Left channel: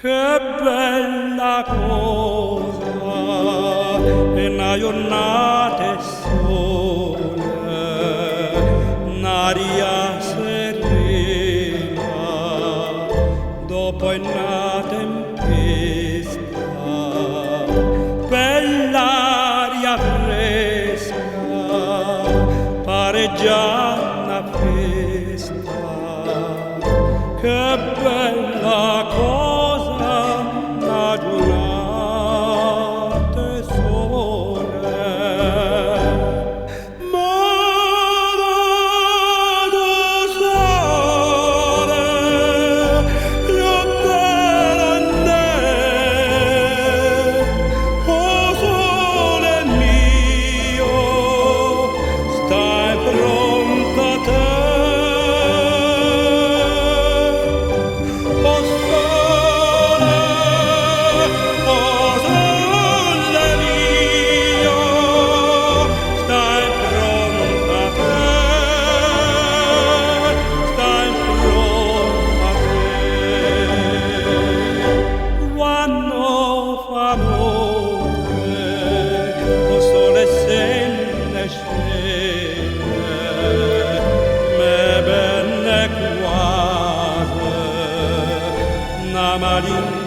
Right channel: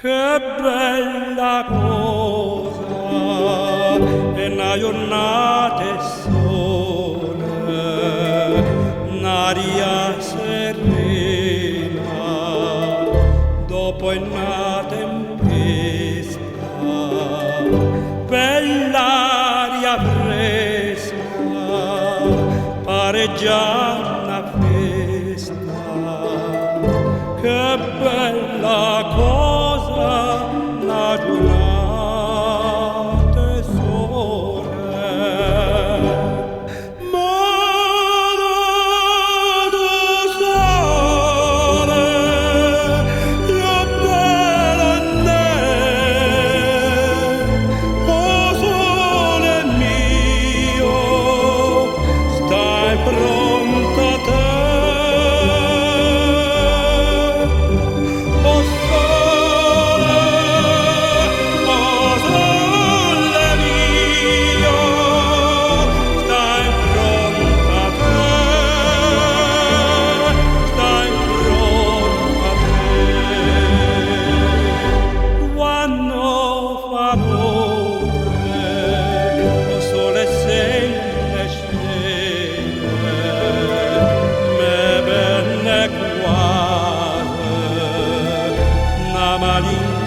Che bella cosa è una giornata sole, un'aria serena dopo una tempesta, bell'aria fresca, pare già una festa. Che bella cosa la giornata sole, ma dato sole, io bella ne, oh sole mio, stai pronta a te. Notte, o sole se ne scende, me bene quasi una maligna